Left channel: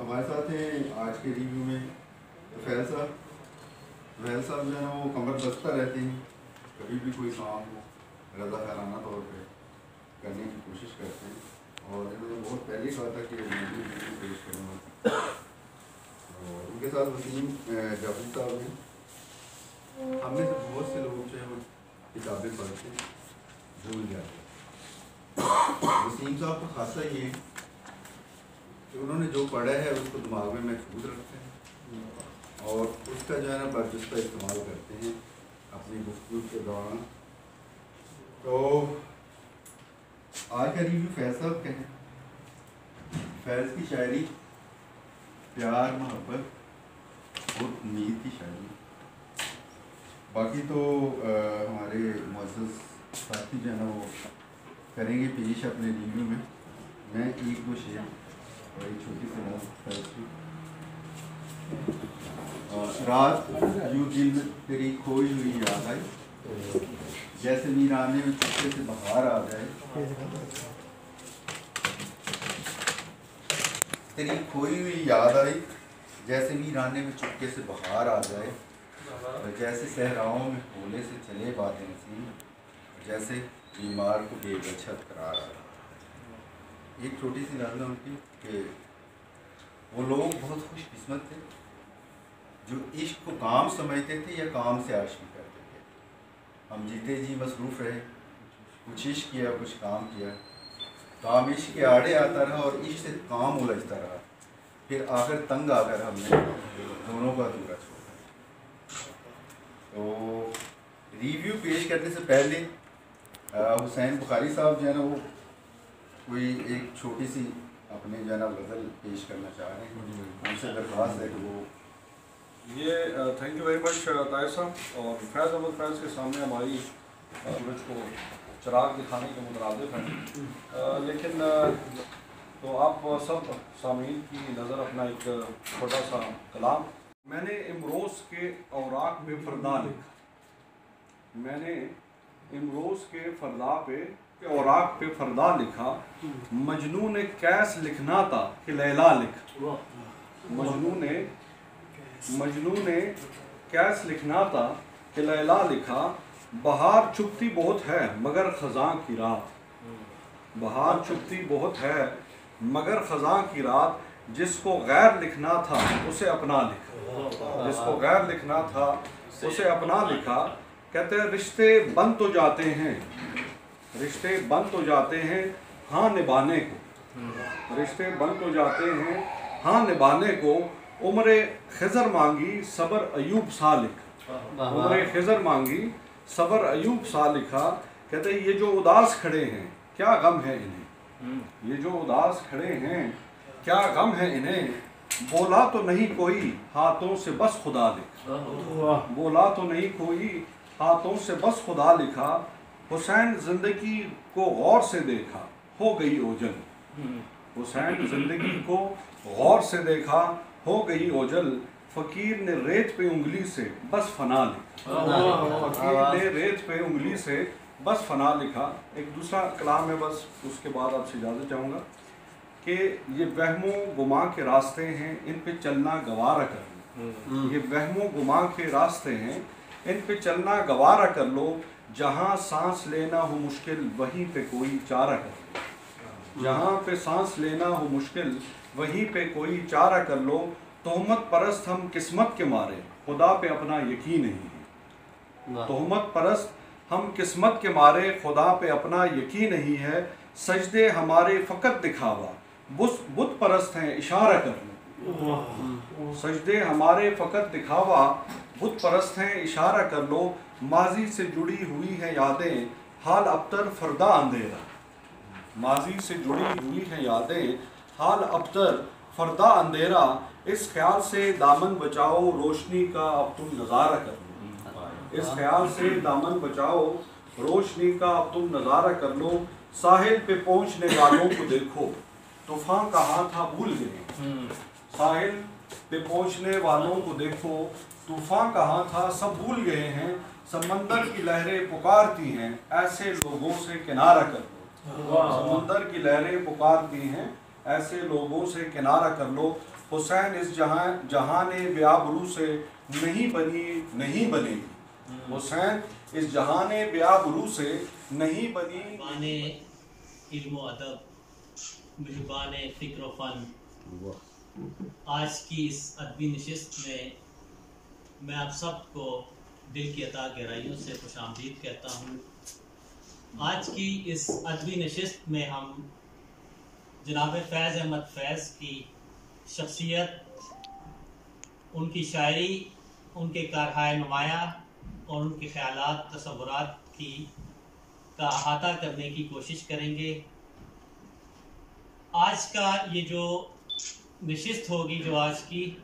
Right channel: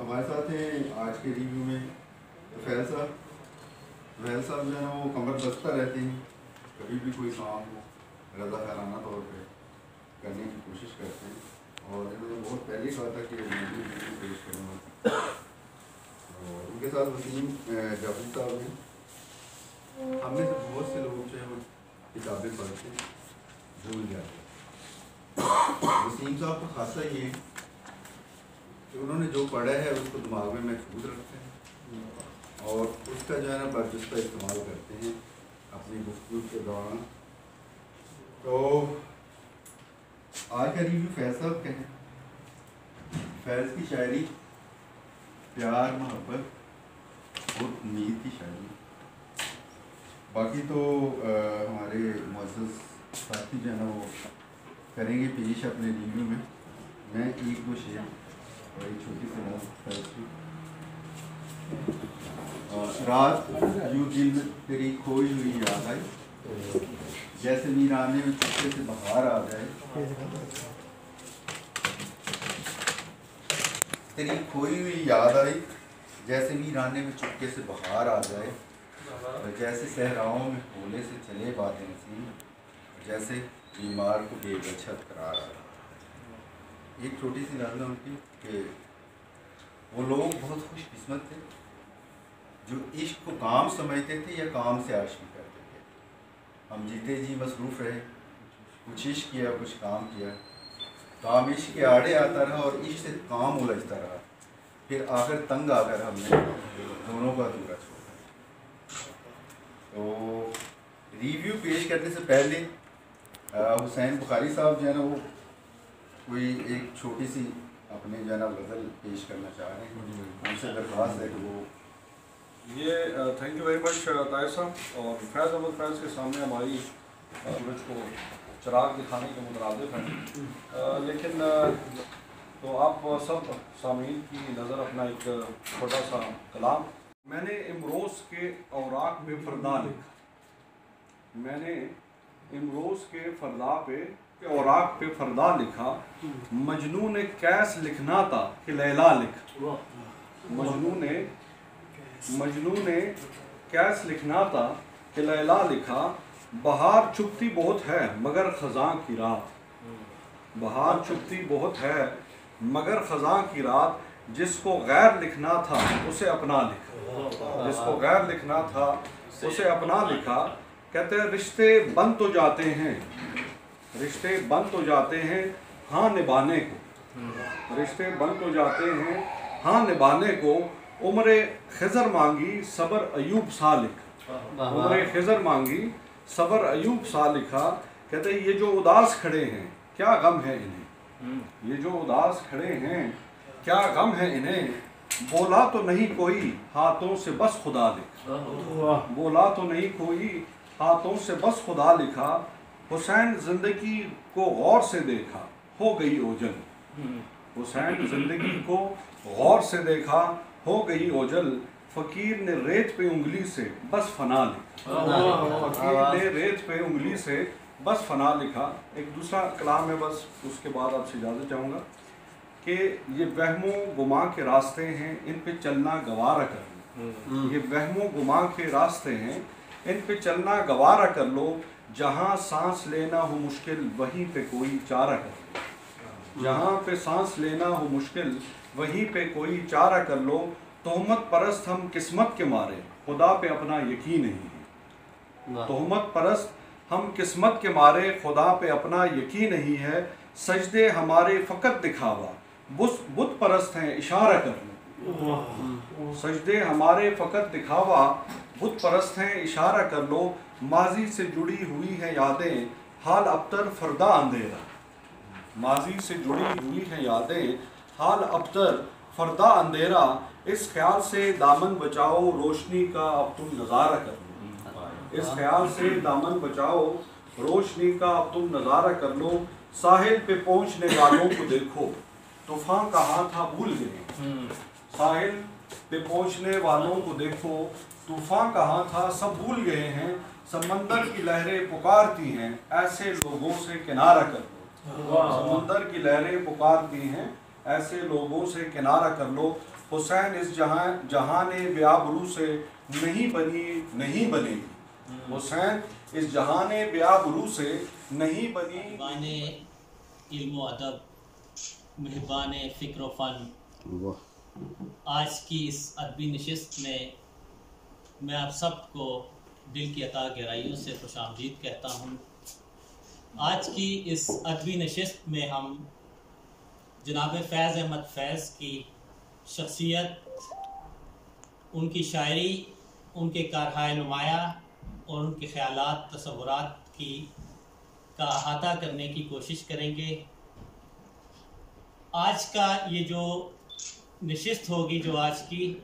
हमारे साथ हैं आज के रिव्यू में फैल साहब जो है ना वो कमर बस्ता रहते हैं, कभी भी कोई काम हो रज़ाकाराना तौर पे करने की कोशिश करते हैं और इन्होंने बहुत पहले कहा था कि वीडियो पेश करूँगा। और उनके साथ वसीम जाफरी साहब हैं। हमने से बहुत से लोग जो है वो किताबें पढ़ते भूल जाते हैं। वसीम साहब का खासा ये कि उन्होंने जो पढ़ा है उसको दिमाग में महफूज रखते हैं और उसका जो है ना बर्जुस्ता इस्तेमाल करते हैं अपनी गुफ्तगू के दौरान। तो आज का रिव्यू फैज़ साहब का है। फैज़ की शायरी प्यार, मोहब्बत और उम्मीद की शायरी। बाकी तो हमारे मुअज़्ज़ज़ साथी जो है ना वो करेंगे पेश अपने रिव्यू में। मैं एक दो शेर और एक छोटी सी बात रात यूँ दिल में तेरी खोई हुई याद आई, जैसे वीराने में चुपके से बहार आ जाए। तेरी खोई हुई याद आई, जैसे वीराने में चुपके से बहार आ जाए। और जैसे सहराओं में होले से चले बातें नसीम, जैसे बीमार को बेगछत करार आ रहा। एक छोटी सी नज़र उनकी कि वो लोग बहुत खुशकिस्मत थे जो इश्क को काम समझते थे या काम से आशिकी करते थे। हम जीते जी मसरूफ़ रहे, कुछ इश्क किया कुछ काम किया, काम इश्क के आड़े आता रहा और इश्क से काम उलझता रहा। फिर आखिर तंग आकर हमने दोनों का दूरा छोड़ा। तो रिव्यू पेश करने से पहले हुसैन बुखारी साहब जो है ना वो कोई एक छोटी सी अपने जो है ना गज़ल पेश करना चाह रहे हैं। उनसे दरख्वास्त है कि वो ये thank you very much Tahir साहब। और फैज़ अहमद फैज़ के सामने हमारी सूरज को चिराग दिखाने के मुतरादिफ हैं, लेकिन तो आप सब सामीन की नज़र अपना एक छोटा सा कलाम। मैंने इमरोज़ के औराक पे फ़रदा लिखा, मैंने इमरोज़ के फ़रदा पे औराक पे फ़रदा लिखा। मजनू ने कैस लिखना था कि लैला लिखा। मजनू ने कैस लिखना था कि लैला लिखा। बहार चुपती बहुत है मगर ख़ज़ां की रात, बहार चुपती बहुत है मगर ख़ज़ां की रात। जिसको गैर लिखना था उसे अपना लिखा, जिसको गैर लिखना था उसे अपना लिखा। कहते हैं रिश्ते बन तो जाते हैं, रिश्ते बन तो जाते हैं हाँ निभाने को, रिश्ते बन तो जाते हैं हाँ निभाने को। उम्र खिज़र मांगी सबर अयूब सा लिखा, उम्र खिज़र मांगी सबर अयूब सा लिखा। कहते ये जो उदास खड़े हैं क्या गम है इन्हें, ये जो उदास खड़े हैं क्या गम है इन्हें। बोला तो नहीं कोई हाथों से बस खुदा लिखा, बोला तो नहीं कोई हाथों से बस खुदा लिखा। हुसैन जिंदगी को गौर से देखा हो गई ओझल, हुसैन जिंदगी को गौर से देखा हो गई ओझल। फ़कीर ने रेत पे उंगली से बस फना लिखा, फ़कीर ने रेत पे उंगली से बस फना लिखा। एक दूसरा कलाम है, बस उसके बाद आपसे इजाज़त चाहूँगा कि ये वहमो गुमा के रास्ते हैं इन पे चलना गवारा कर लो, ये वहमो गुमा के रास्ते हैं इन पे चलना गवारा कर लो। जहाँ सांस लेना हो मुश्किल वहीं पे कोई चारा कर लो, जहाँ पे सांस लेना हो मुश्किल वहीं पे कोई चारा कर लो। तोहमत परस्त हम किस्मत के मारे खुदा पे अपना यकीन नहीं है, तोहमत परस्त हम किस्मत के मारे खुदा पे अपना यकीन नहीं है। सजदे हमारे फ़कत दिखावा बुत परस्त हैं इशारा कर लो, सजदे हमारे फ़कत दिखावा बुत परस्त हैं इशारा कर लो। माजी से जुड़ी हुई हैं यादें हाल अबतर फ़रदा अंधेरा, माजी से जुड़ी हुई हैं यादें हाल अबतर फ़रदा अंधेरा। इस ख्याल से दामन बचाओ रोशनी का अब तुम नज़ारा कर लो, इस ख्याल से दामन बचाओ रोशनी का अब तुम नज़ारा कर लो। साहिल पे पहुँचने वालों को देखो तूफ़ान कहाँ था भूल गए, साहिल पे पहुँचने वालों को देखो तूफ़ान कहाँ था सब भूल गए हैं। समंदर की लहरें पुकारती हैं ऐसे लोगों से किनारा कर लो, समुंदर की लहरें पुकारती हैं, ऐसे लोगों से किनारा कर लो। हुसैन इस जहाने ब्याबरू से नहीं बनेगी। हुसैन इस जहाने ब्याबरू से नहीं बनी। माने इल्म अदब, मेहरबान फ़िक्र फ़न, आज की इस अदबी नशिस्त में मैं आप सबको दिल की अता गहराइयों से खुशामदीद कहता हूँ। आज की इस अदबी नशिस्त में हम जनाब फैज़ अहमद फैज़ की शख्सियत, उनकी शायरी, उनके कारहाय नुमाया और उनके ख़यालात तसव्वुरात का अहाता करने की कोशिश करेंगे। आज का ये जो नशिस्त होगी, जो आज की,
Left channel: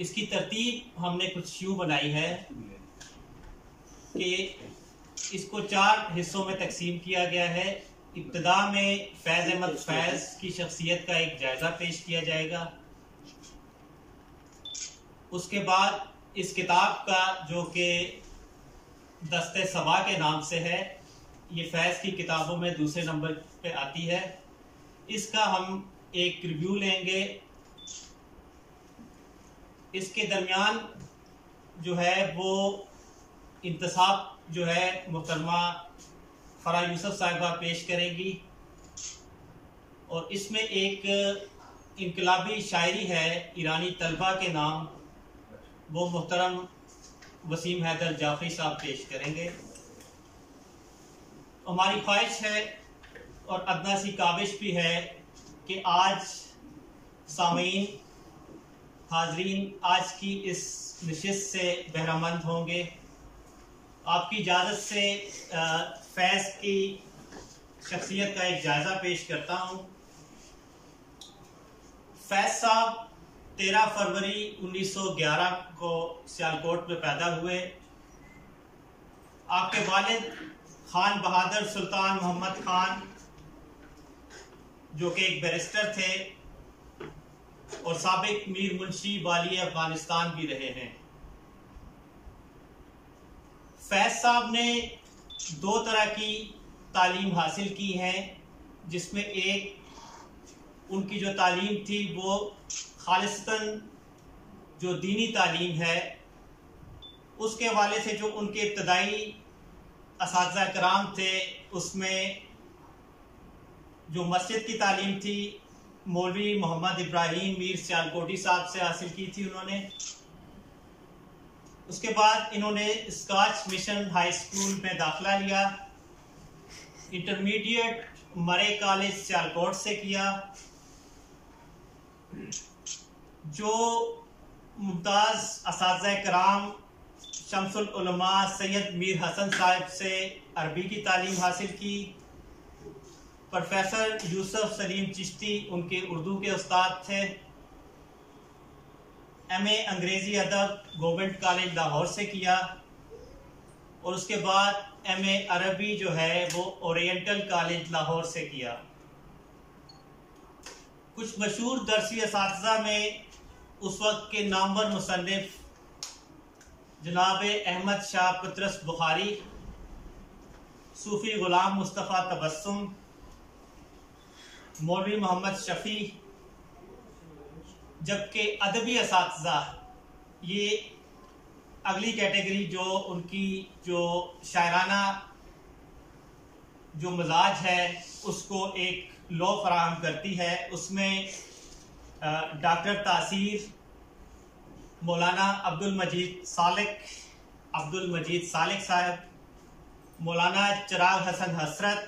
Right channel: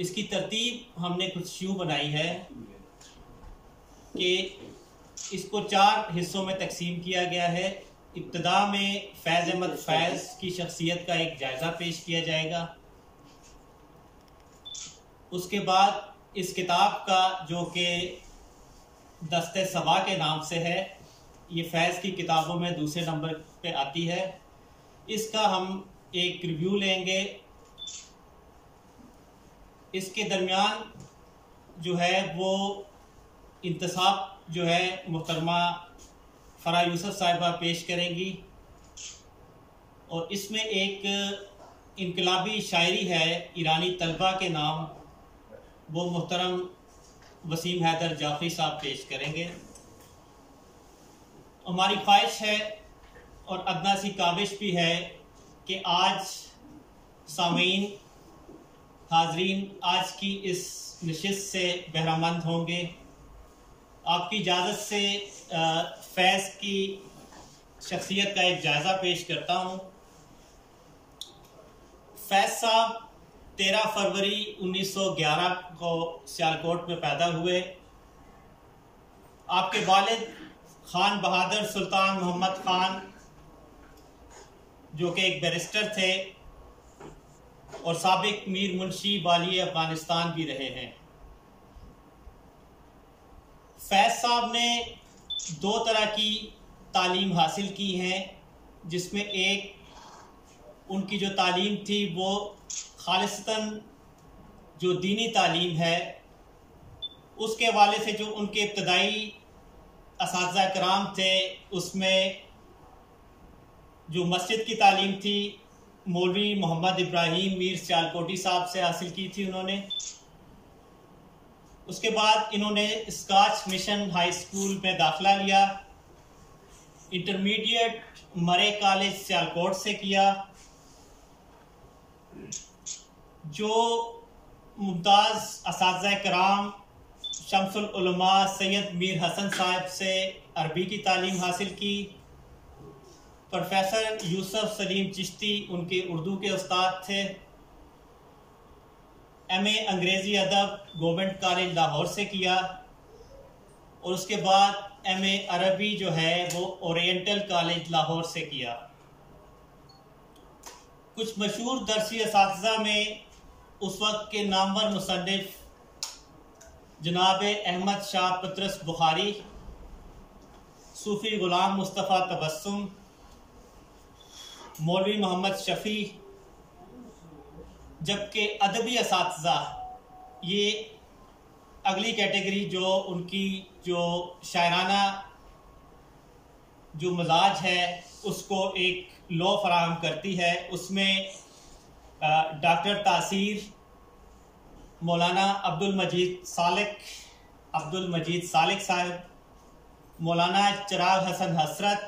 इसकी तरतीब हमने कुछ यूँ बनाई है कि इसको 4 हिस्सों में तकसीम किया गया है। इब्तिदा में फैज़ अहमद फैज़ की शख्सियत का एक जायज़ा पेश किया जाएगा। उसके बाद इस किताब का, जो कि दस्ते सबा के नाम से है, ये फैज़ की किताबों में दूसरे नंबर पे आती है, इसका हम एक रिव्यू लेंगे। इसके दरमियान जो है वो इंतसाब जो है मोहतरमा फ़रा यूसुफ साहिबा पेश करेंगी, और इसमें एक इनकलाबी शायरी है ईरानी तलबा के नाम, वो मोहतरम वसीम हैदर जाफरी साहब पेश करेंगे। हमारी ख्वाहिश है और अदना सी काविश भी है कि आज सामीन, हाजरीन आज की इस नशिस्त से बहरामंद होंगे। आपकी इजाज़त से फैज़ की शख्सियत का एक जायज़ा पेश करता हूँ। फैज़ साहब 13 फरवरी 1911 को सियालकोट में पैदा हुए। आपके वालिद खान बहादुर सुल्तान मोहम्मद खान, जो कि एक बैरिस्टर थे और साबिक मीर मुंशी वाली अफगानिस्तान भी रहे हैं। फैज़ साहब ने 2 तरह की तालीम हासिल की हैं, जिसमें एक उनकी जो तालीम थी वो खालिस्तन जो दीनी तालीम है, उसके हवाले से जो उनके इब्तदाई असातिज़ा कराम थे, उसमें जो मस्जिद की तालीम थी मौलवी मोहम्मद इब्राहिम मीर सियालकोटी साहब से हासिल की थी उन्होंने। उसके बाद इन्होंने स्कॉच मिशन हाई स्कूल में दाखिला लिया। इंटरमीडिएट मरे कॉलेज सियालकोट से किया। जो मुमताज़ असातिज़ा कराम शम्सुल उलमा सैयद मीर हसन साहब से अरबी की तालीम हासिल की। प्रोफेसर यूसुफ सलीम चिश्ती उनके उर्दू के उस्ताद थे। MA अंग्रेज़ी अदब गवर्नमेंट कॉलेज लाहौर से किया, और उसके बाद MA अरबी जो है वो ओरिएंटल कॉलेज लाहौर से किया। कुछ मशहूर दरसी असातिज़ा में उस वक्त के नामवर मुसन्निफ जनाब अहमद शाह पतरस बुखारी, सूफ़ी ग़ुलाम मुस्तफ़ा तबस्सुम, मौलवी मोहम्मद शफ़ी, जबकि अदबी असातिज़ा, ये अगली कैटेगरी जो उनकी जो शायराना जो मिजाज है उसको एक लो फराहम करती है। उसमें डॉक्टर तासीर, मौलाना अब्दुल मजीद सालिक साहब, मौलाना चिराग हसन हसरत,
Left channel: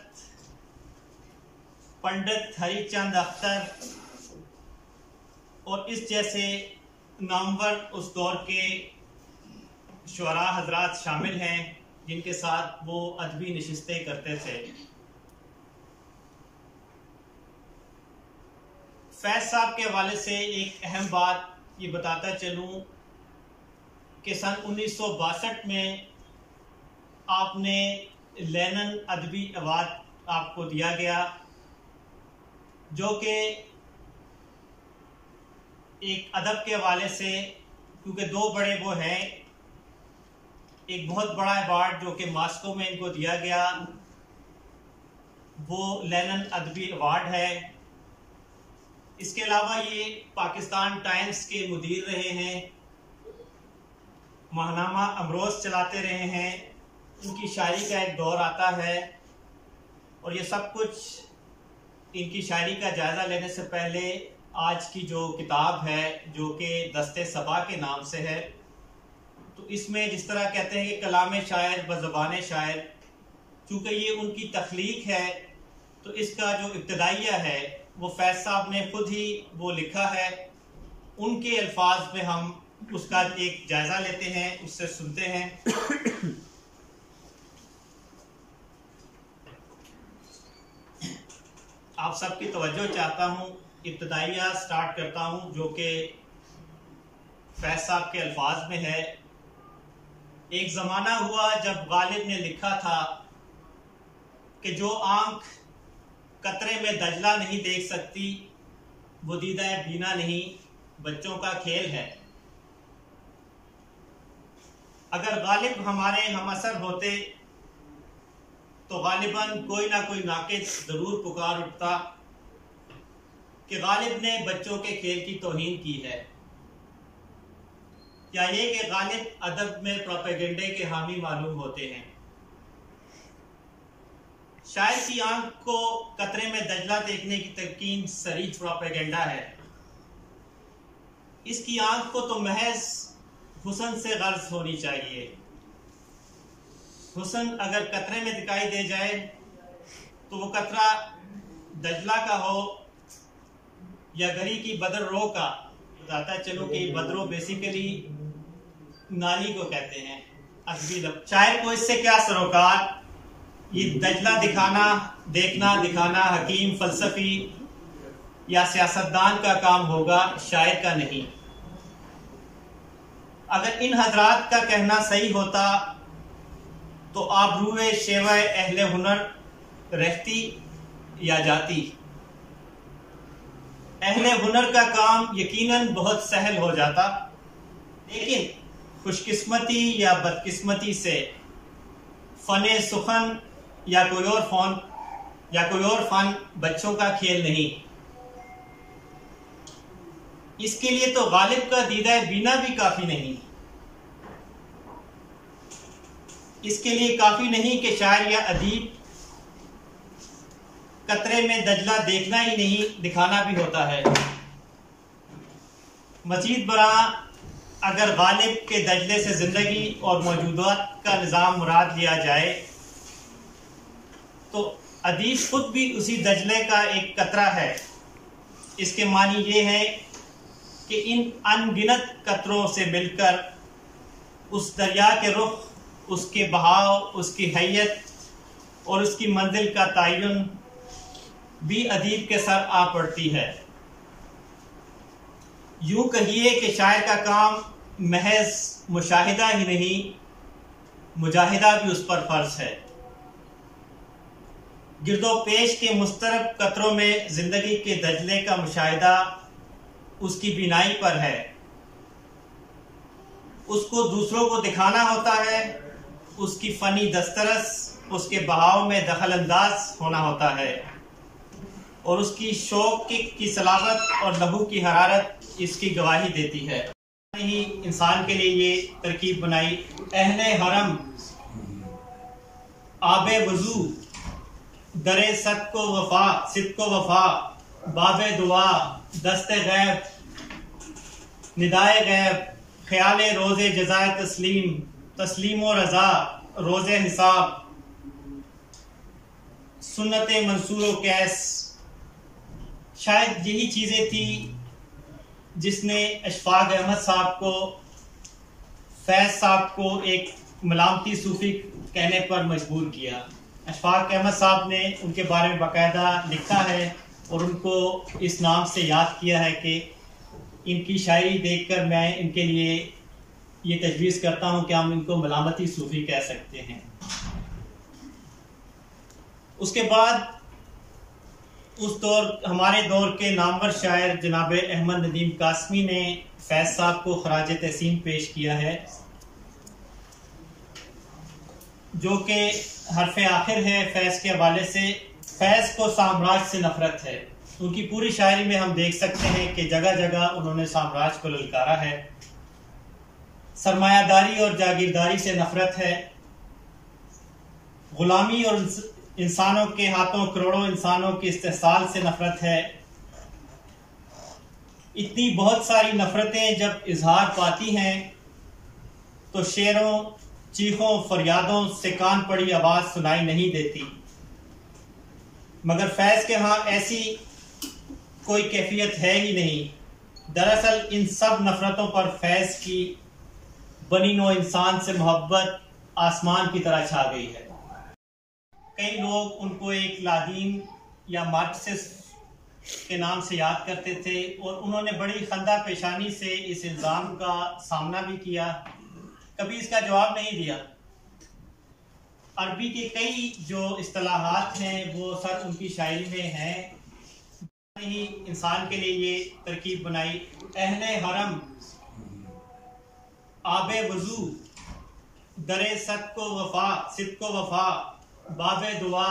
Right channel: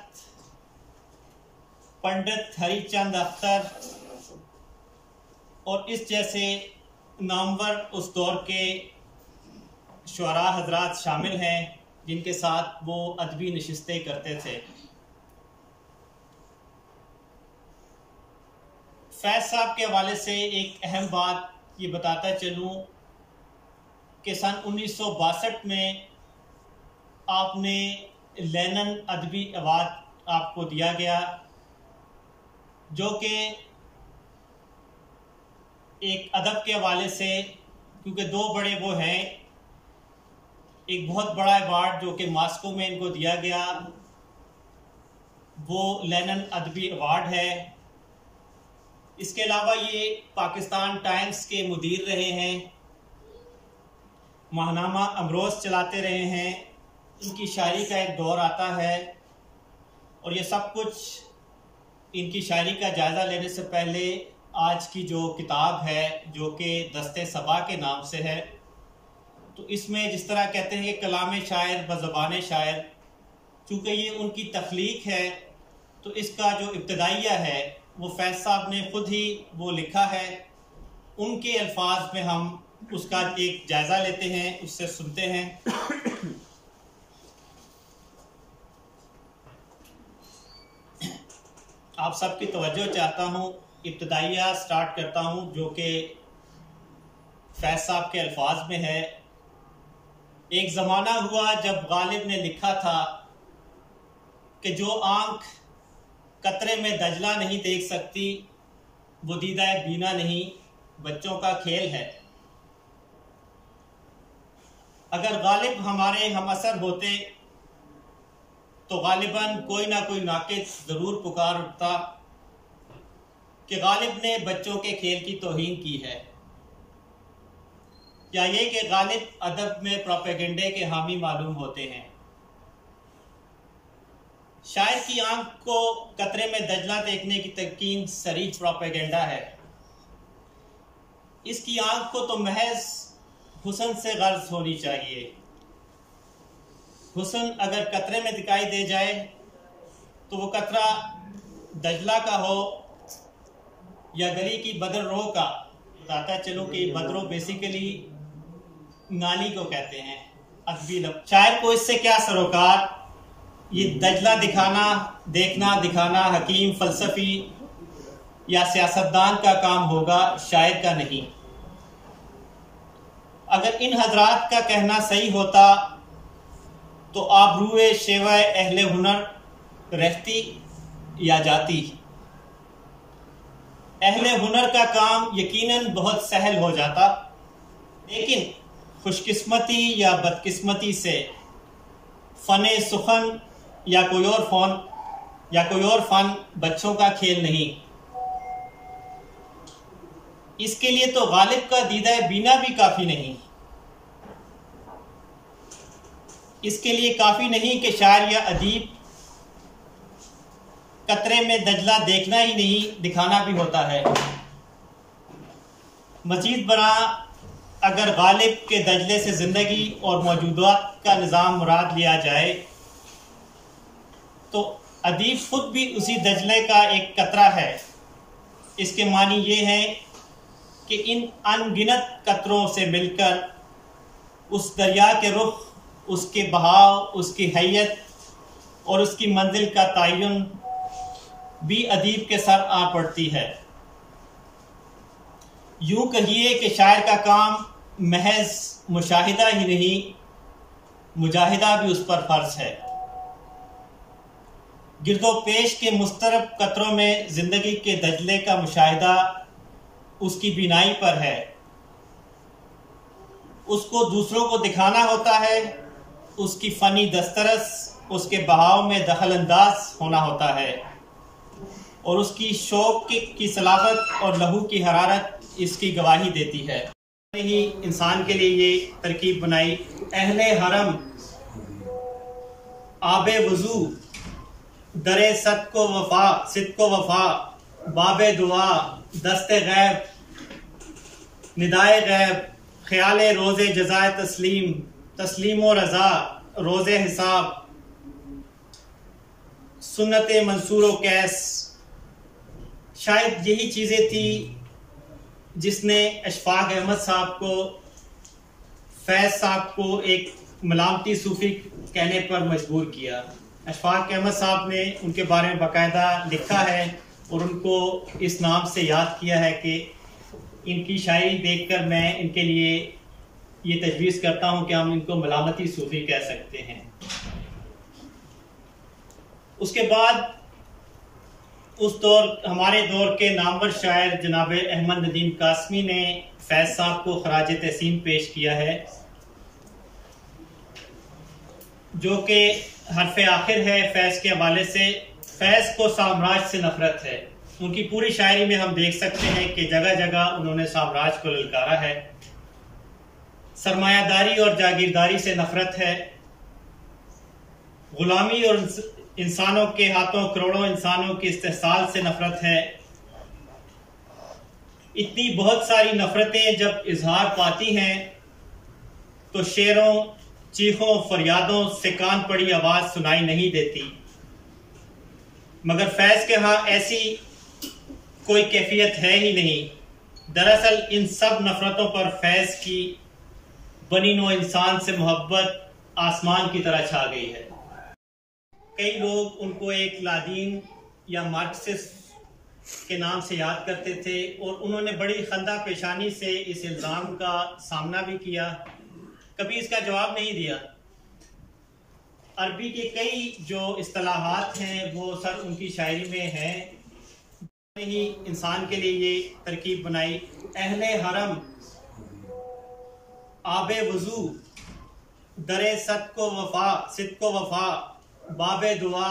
पंडित हरीचंद अख्तर और इस जैसे नामवर उस दौर के शुअरा हजरात शामिल हैं, जिनके साथ वो अदबी नशिस्तें करते थे। फैज़ साहब के हवाले से एक अहम बात ये बताता चलूँ कि सन 1962 में आपने लेनन अदबी अवार्ड आपको दिया गया, जो कि एक अदब के हवाले से, क्योंकि 2 बड़े वो हैं, एक बहुत बड़ा अवार्ड जो कि मॉस्को में इनको दिया गया वो लेनन अदबी अवार्ड है। इसके अलावा ये पाकिस्तान टाइम्स के मुदीर रहे हैं, माहनामा अमरोज़ चलाते रहे हैं, इनकी शायरी का एक दौर आता है। और ये सब कुछ इनकी शायरी का जायज़ा लेने से पहले आज की जो किताब है जो कि दस्ते सबा के नाम से है, तो इसमें जिस तरह कहते हैं कि कलाम शायर बज़बान शायर, चूँकि ये उनकी तख्लीक है तो इसका जो इब्तदाइया है वो फैज़ साहब ने खुद ही वो लिखा है। उनके अल्फाज में हम उसका एक जायज़ा लेते हैं, उससे सुनते हैं। आप सबकी तवज्जो चाहता हूँ, इब्तदाइया स्टार्ट करता हूँ जो कि फैज़ साहब के अल्फाज में है। एक ज़माना हुआ जब गालिब ने लिखा था कि जो आँख कतरे में दजला नहीं देख सकती वो दीदाए बीना नहीं, बच्चों का खेल है। अगर गालिब हमारे हम असर होते तो गालिबन कोई ना कोई नाकिद ज़रूर पुकार उठता कि गालिब ने बच्चों के खेल की तौहीन की है, या ये कि गालिब अदब में प्रोपेगेंडे के हामी मालूम होते हैं। शायर की आंख को कतरे में दजला देखने की तलकीन सरीह प्रोपेगेंडा है। इसकी आंख को तो महज हुस्न से गर्ज होनी चाहिए। हुस्न अगर कतरे में दिखाई दे जाए तो वो कतरा दजला का हो या गली की बदर रो का। बताता चलो कि बदरो बेसिकली नाली को कहते हैं अदबी लफ्ज़। शायर को इससे क्या सरोकार, ये दजला दिखाना, देखना दिखाना हकीम, फलसफी या सियासतदान का काम होगा, शायर का नहीं। अगर इन हजरात का कहना सही होता तो आबरूए शेवा अहले हुनर रहती या जाती। अहले हुनर का काम यकीनन बहुत सहल हो जाता, लेकिन खुशकिस्मती या बदकिस्मती से फ़ने सुखन या कोई और फ़न बच्चों का खेल नहीं। इसके लिए तो गालिब का दीदा बीना भी काफ़ी नहीं। इसके लिए काफ़ी नहीं कि शायर या अदीब कतरे में दजला देखना ही नहीं, दिखाना भी होता है। मजीद बरा अगर गालिब के दजले से ज़िंदगी और मौजूदात का निज़ाम मुराद लिया जाए तो अदीब खुद भी उसी दजले का एक कतरा है। इसके मानी ये है कि इन अनगिनत कतरों से मिलकर उस दरिया के रुख, उसके बहाव, उसकी हैयत और उसकी मंजिल का तयन भी अदीब के सर आ पड़ती है। यूं कहिए कि शायर का काम महज मुशाहिदा ही नहीं, मुजाहिदा भी उस पर फर्ज है। गिरदो पेश के मुस्तरब कतरों में जिंदगी के दजले का मुशाहिदा उसकी बिनाई पर है। उसको दूसरों को दिखाना होता है, उसकी फनी दस्तरस उसके बहाव में दखल अंदाज होना होता है और उसकी शौक की सलाबत और लहू की हरारत इसकी गवाही देती है। ही इंसान के लिए ये तरकीब बनाई। अहले हरम आबे वजू दरे सद को वफा बाबे दुआ दस्ते गैब निदाए गैब ख्याले रोज़े जज़ाए तस्लीम व रज़ा रोज़े हिसाब सुन्नत मंसूर व कैस। शायद यही चीज़ें थी जिसने अशफाक अहमद साहब को, फैज़ साहब को एक मलामती सूफी कहने पर मजबूर किया। अशफाक अहमद साहब ने उनके बारे में बाकायदा लिखा है और उनको इस नाम से याद किया है कि इनकी शायरी देखकर मैं इनके लिए ये तजवीज़ करता हूँ कि हम इनको मलामती सूफी कह सकते हैं। उसके बाद हमारे दौर के नामवर शायर जनाब अहमद नदीम कासमी ने फैज़ साहब को खराज तहसीन पेश किया है, जो कि हरफ आखिर है फैज़ के हवाले से। फैज़ को साम्राज्य से नफरत है। उनकी पूरी शायरी में हम देख सकते हैं कि जगह जगह उन्होंने साम्राज्य को ललकारा है। सरमायादारी और जागीरदारी से नफरत है। गुलामी और इंसानों के हाथों करोड़ों इंसानों की इस्तेहसाल से नफरत है। इतनी बहुत सारी नफरतें जब इजहार पाती हैं तो शेरों, चीखों, फरियादों से कान पड़ी आवाज सुनाई नहीं देती। मगर फैज़ के यहाँ ऐसी कोई कैफियत है ही नहीं। दरअसल इन सब नफरतों पर फैज़ की बनी नो इंसान से मोहब्बत आसमान की तरह छा गई है। कई लोग उनको एक लादीन या मार्क्सिस्ट के नाम से याद करते थे और उन्होंने बड़ी खंदा पेशानी से इस इल्ज़ाम का सामना भी किया, कभी इसका जवाब नहीं दिया। अरबी के कई जो इस्तिलाहात हैं वो सर उनकी शायरी में हैं। ही इंसान के लिए ये तरकीब बनाई, अहले हरम आबे वजू दरे सद को वफा, सिद को वफा, बाबे दुआ,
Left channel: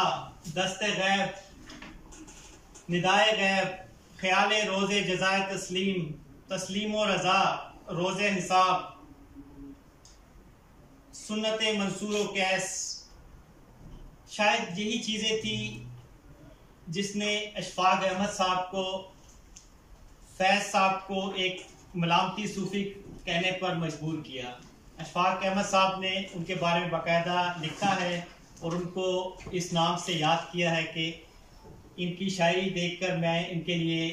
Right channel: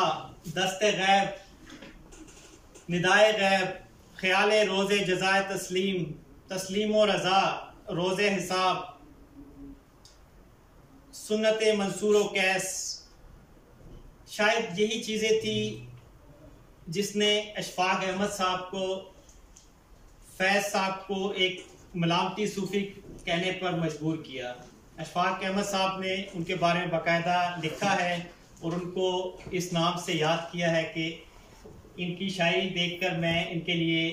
दस्ते गैब, निदाए गैब, ख्याले रोज़े जज़ाए तस्लीम, तस्लीम व रज़ा, रोज़े हिसाब, सुन्नत मंसूर व कैस। शायद यही चीज़ें थी जिसने अशफाक अहमद साहब को, फैज़ साहब को एक मलामती सूफ़ी कहने पर मजबूर किया। अशफाक अहमद साहब ने उनके बारे में बाकायदा लिखा है और उनको इस नाम से याद किया है कि इनकी शायरी देखकर मैं इनके लिए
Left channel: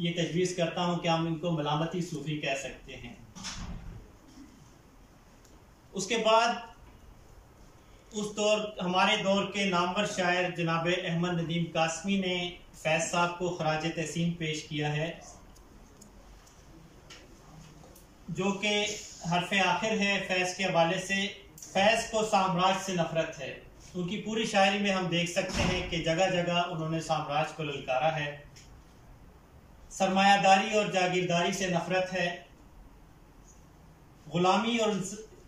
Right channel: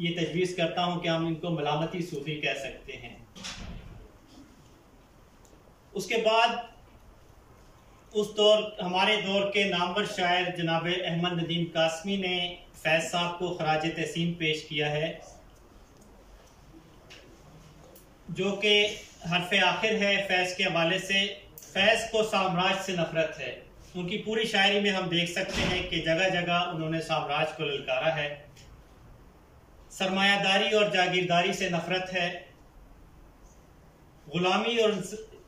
ये तजवीज़ करता हूँ कि हम इनको मलामती सूफ़ी कह सकते हैं। उसके बाद उस दौर, हमारे दौर के नामवर शायर जनाब अहमद नदीम कासमी ने फैज़ साहब को खराज तहसीन पेश किया है, जो कि हरफ आखिर है फैज़ के हवाले से। फैज़ को साम्राज्य से नफरत है। उनकी पूरी शायरी में हम देख सकते हैं कि जगह जगह उन्होंने साम्राज्य को ललकारा है। सरमायादारी और जागीरदारी से नफरत है। गुलामी और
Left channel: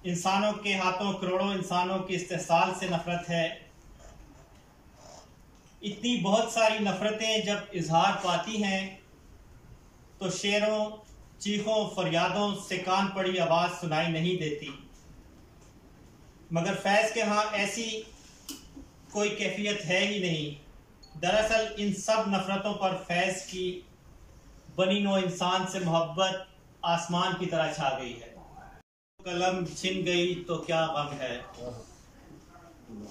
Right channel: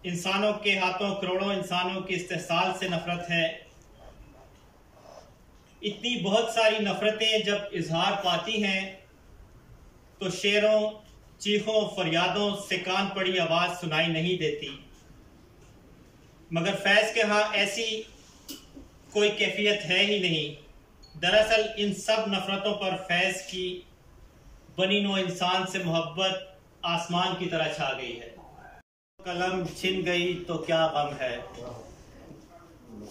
इंसानों के हाथों करोड़ों इंसानों की इस्तेहसाल से नफरत है। इतनी बहुत सारी नफरतें जब इजहार पाती हैं तो शेरों, चीखों, फरियादों से कान पड़ी आवाज सुनाई नहीं देती। मगर फैज़ के यहाँ ऐसी कोई कैफियत है ही नहीं। दरअसल इन सब नफरतों पर फैज़ की बनी नो इंसान से मोहब्बत आसमान की तरह छा गई है। कलम छिन गई तो क्या गम है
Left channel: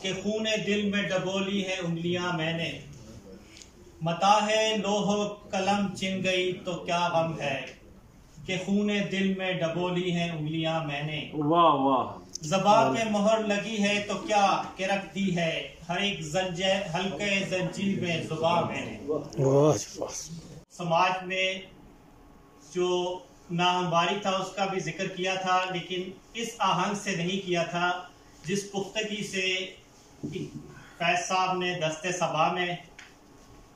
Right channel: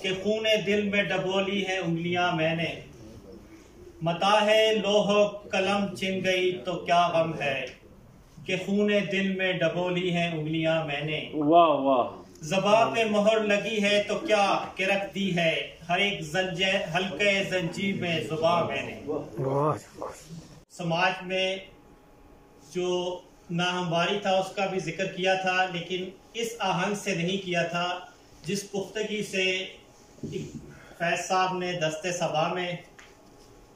कि खूने दिल में डबोली है उंगलियां मैंने। मता है लोह कलम छिन गई तो क्या गम है कि खूने दिल में डबोली है उंगलियां मैंने। वाह वाह। ज़बान पे मोहर लगी है तो क्या के रख दी है हर एक हल्के जंजीर में ज़ुबान मैंने। समाज में जो नाहमवारी था उसका भी जिक्र किया था, लेकिन इस आहंग से नहीं किया था जिस पुख्तगी से फैज़ साहब ने दस्ते सबा में,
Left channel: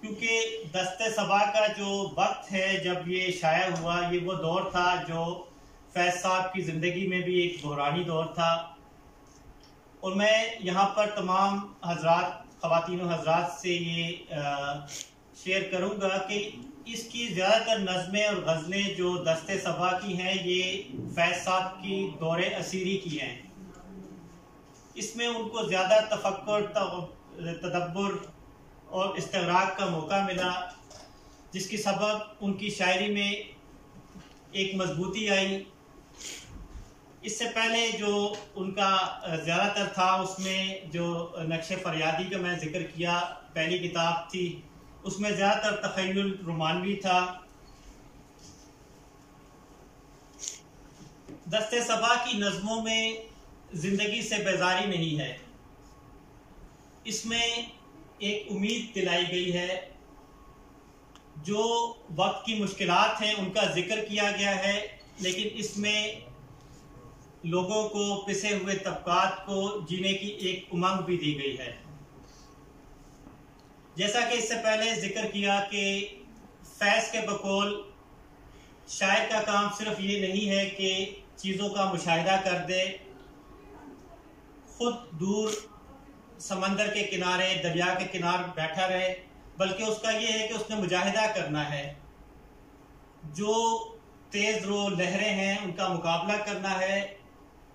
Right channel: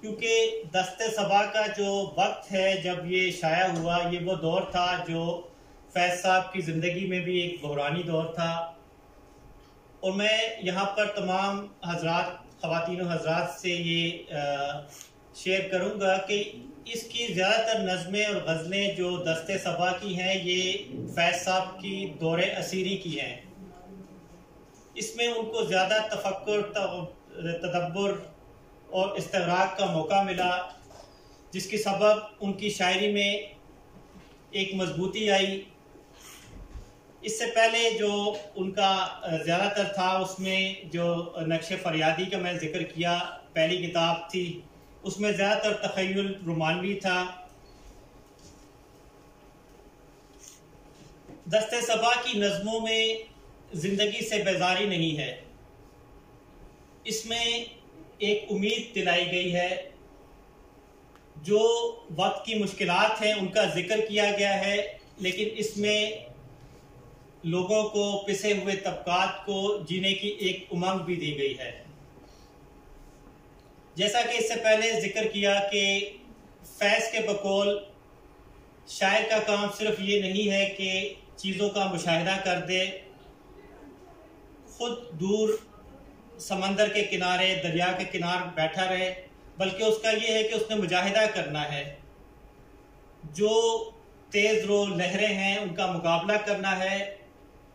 क्योंकि दस्ते सबा का जो वक्त है जब ये शाया हुआ, ये वो दौर था जो फैज़ साहब की ज़िंदगी में भी एक बहरानी दौर था। और मैं यहाँ पर तमाम हजरात, ख़वातीन व हजरात से ये शेयर करूँगा कि इसकी ज़्यादातर नज़में और गज़लें जो दस्ते सबा की हैं ये फैज़ साहब की दौरे असीरी की हैं। इसमें उनको ज़्यादा तफक्कुर, तदब्बुर और इस्तिग़राक़ का मौका मिला, जिसकी सबब उनकी शायरी में एक मजबूती आई। इससे पहले जो उनका ज़्यादातर था उसमें जो नक्शे फरियादी का मैं जिक्र किया, पहली किताब थी, उसमें ज़्यादातर तख़य्युल रोमानवी था। दस्ते सबा की नज़मों में ज़िंदगी से बेजारी नहीं है, इसमें एक उम्मीद दिलाई गई है। जो वक्त की मुश्किलात हैं उनका जिक्र किया गया है, लेकिन इसमें लोगों को, पिसे हुए तबकात को जीने की एक उमंग भी दी गई है। जैसा कि इससे पहले जिक्र किया कि फैज़ के बकौल शायर का काम सिर्फ ये नहीं है कि चीज़ों का मुशाहिदा कर दे, खुद दूर समंदर के किनारे, दरिया के किनारे बैठा रहे, बल्कि उसका ये है कि उसने मुजाहिदा करना है। जो तेज़ रो लहरें हैं उनका मुकाबला करना है,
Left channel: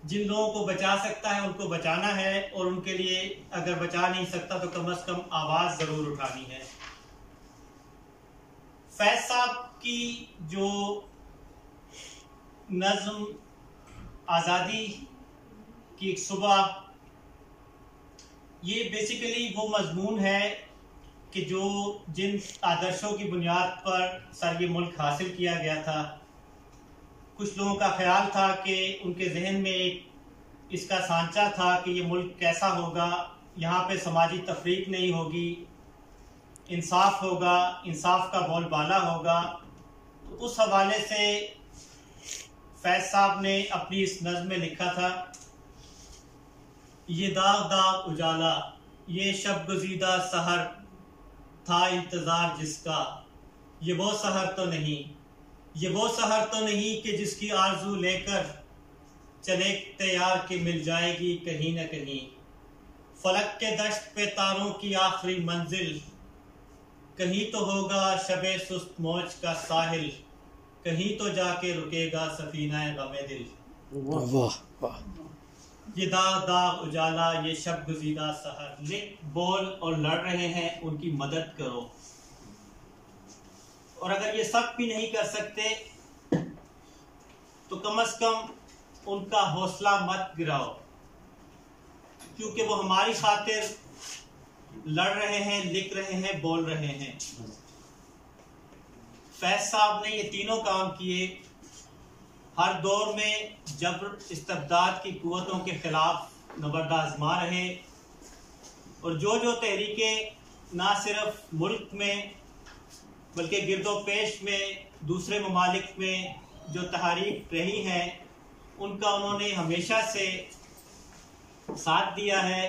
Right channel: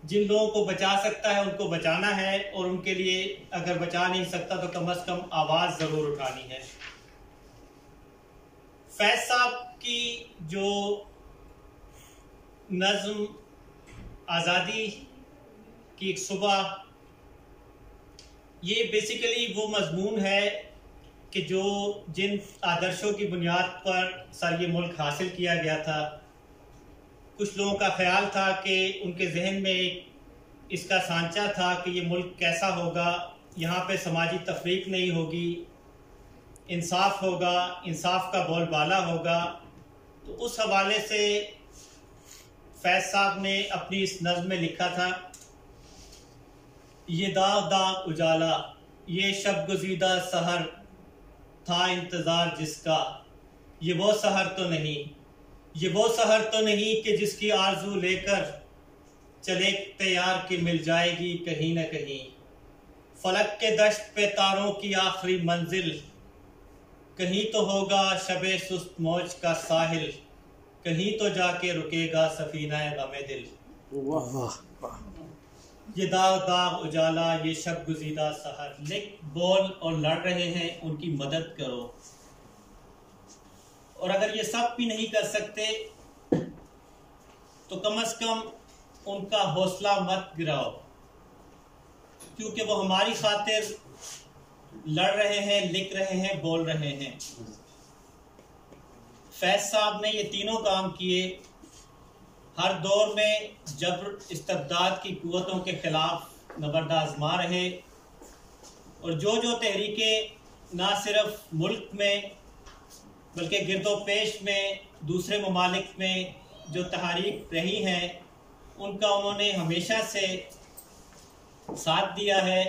जिन लोगों को बचा सकता है उनको बचाना है, और उनके लिए अगर बचा नहीं सकता तो कम से कम आवाज़ ज़रूर उठानी है। फैज साहब की जो नज़्म आज़ादी की एक सुबह, ये बेसिकली वो मजमून है कि जो जिन आदर्शों की बुनियाद पर सर ये मुल्क हासिल किया गया था। कुछ लोगों का ख्याल था कि उनके जहन में एक इसका सांचा था कि ये मुल्क कैसा होगा, यहाँ पे समाजी तफरीक नहीं होगी, इंसाफ होगा, इंसाफ का बोलबाला होगा। तो उस हवाले से फैज साहब ने अपनी इस नज़्म में लिखा था, ये दाग दाग उजाला, ये शब गुज़ीदा सहर था इंतज़ार जिसका, ये वो सहर तो नहीं, ये वो सहर तो नहीं कि जिसकी आरजू लेकर चले तैयार के मिल जाएगी कहीं न कहीं। फलक के दश्त पे तारों की आखिरी मंजिल, कहीं तो होगा शबे सुस्त मौज का साहिल, कहीं तो जाके रुकेगा सफीना गमे दिल। वाह वाह। ये दाग दाग उजाला, ये शब गुज़ीदा सहर। लिख बोल और लड़ रहे हैं, उनकी मदद करो। और अगर ये सब भी नहीं कर सकते तो कम से कम उनका हौसला मत गिराओ, क्योंकि वो हमारी खातिर लड़ रहे हैं, लिख रहे हैं, बोल रहे हैं। फैज साहब ने ये तीनों काम किए। हर दौर में जबर इस्तबदाद की कुव्वतों के खिलाफ नबर्द आज़मा रहे, और जो जो तहरीकें ना सिर्फ मुल्क में बल्कि गिरदो पेश में, दूसरे ममालिक में जो तहरीक रही हैं, उनका उन्होंने हमेशा से साथ दिया है।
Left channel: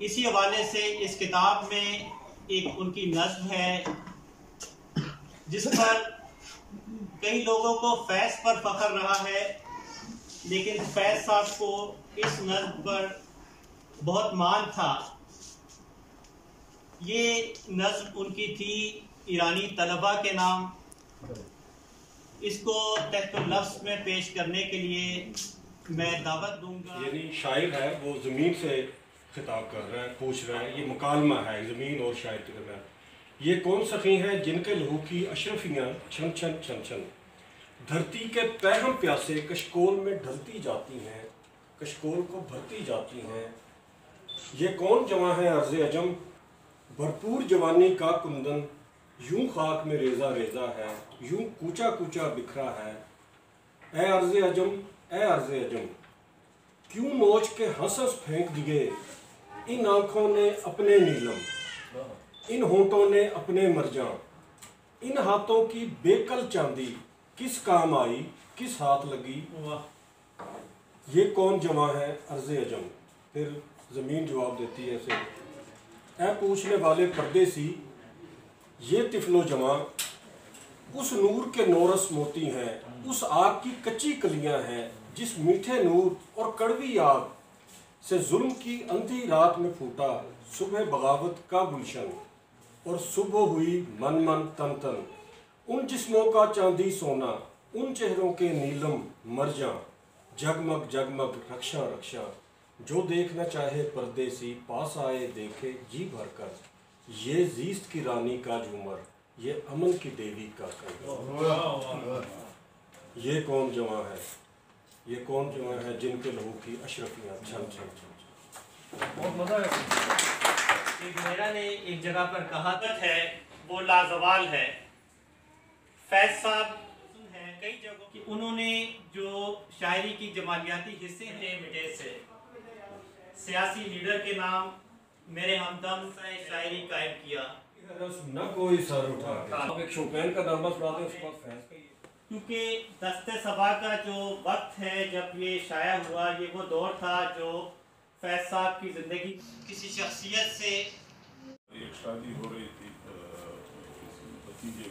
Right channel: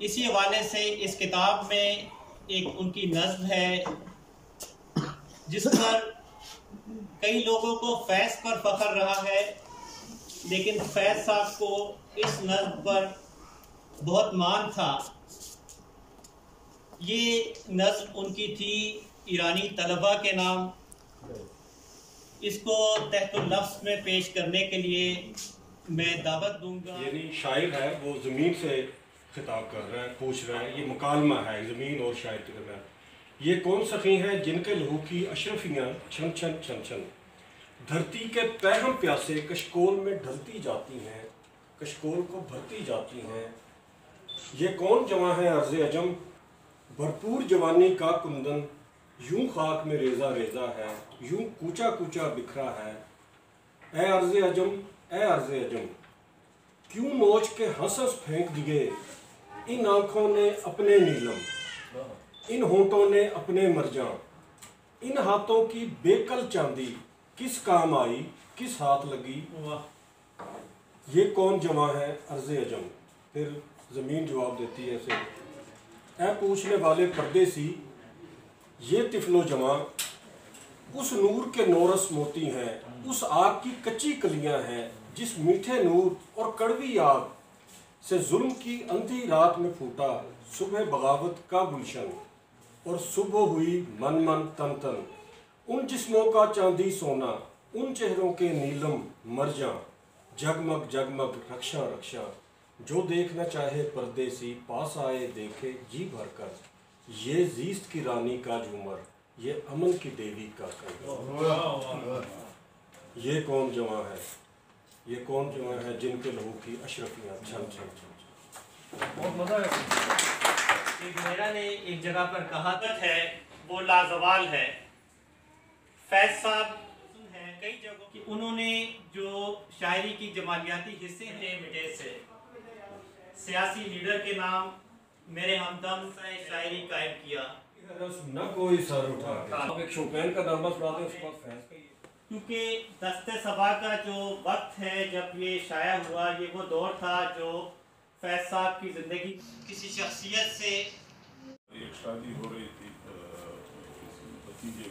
इसी हवाले से इस किताब में एक उनकी नज़्म है जिस पर कई लोगों को फैज पर फख्र रहा है, लेकिन फैज साहब को इस नज़्म पर बहुत मान था। ये नज़्म उनकी थी ईरानी तलबा के नाम। इसको तहत लफ्ज़ में पेश करने के लिए मैं दावत दूंगा। यानी शायर है वो ज़मीन से खिताब कर रहा है, पूछ रहा है, ये मुकालमा है ज़मीन और शायर के दरमियान। ये कौन सखी हैं जिनके लहू की अशरफियाँ छन छन छन छन, धरती के पैहम प्यासे कशकोल में ढलती जाती हैं, कशकोल को भरती जाती हैं। ये कौन जवां है अर्ज़ अजम, भरपूर जवानी का कुंदन, यूं खाक में रेजा रेजा है, यूं कूचा कूचा बिखरा है। ए अर्ज़ अजम, ए अर्ज़ अजम, क्यों नोच के हंस हंस फेंक दिए इन आँखों ने अपने नीलम, इन होंठों ने अपने मरजां, इन हाथों की बेकल चांदी किस काम आई, किस हाथ लगी। ये कौन जवां है अर्ज़ अजम। फिर ज़मीन जवाब देती है ऐसे, ऐ पूछने वाले परदेसी, ये तिफलो जवां उस नूर के नौरस मोती हैं, उस आग की कच्ची कलियां हैं जिस मीठे नूर और कड़वी आग से जुल्म की अंधी रात में फूटा सुबह बगावत का गुलशन, और सुबह हुई मन मन तन तन। उन जिस्मों का चांदी सोना, उन चेहरों के नीलम मरजां, जगमग जगमग रक्षा रक्षा। जो देखना चाहे परदेसी पास आए देखे जी भर कर, ये जीस्त की रानी का झूमर, ये अमन की देवी का कंगन। ये कौन जवां है, ये कौन जवां है जिनके लहू की अशरफियाँ छन छन छन। बहुत मजा है। एक मेरा ने एक जगह पर कहावत है, वो लाजवाल है। फैज साहब हैं कई जगहों कि उन्होंने जो शायरी की जमालियाती हिस्से हैं मिटे से, सियासी लीडर के नाम मेरे हमदम से शायरी कायम किया। न कोई सर उठा के एक शोपैन का नाम सुना दे, उसके बाद फैज का ही है। क्योंकि दस्ते सबा का जो वक्त है जब ये शाया हुआ, ये वो दौर था जो फैज साहब की ज़िंदगी किसी शख्सियत से एक शादी हो रही थी भतीजे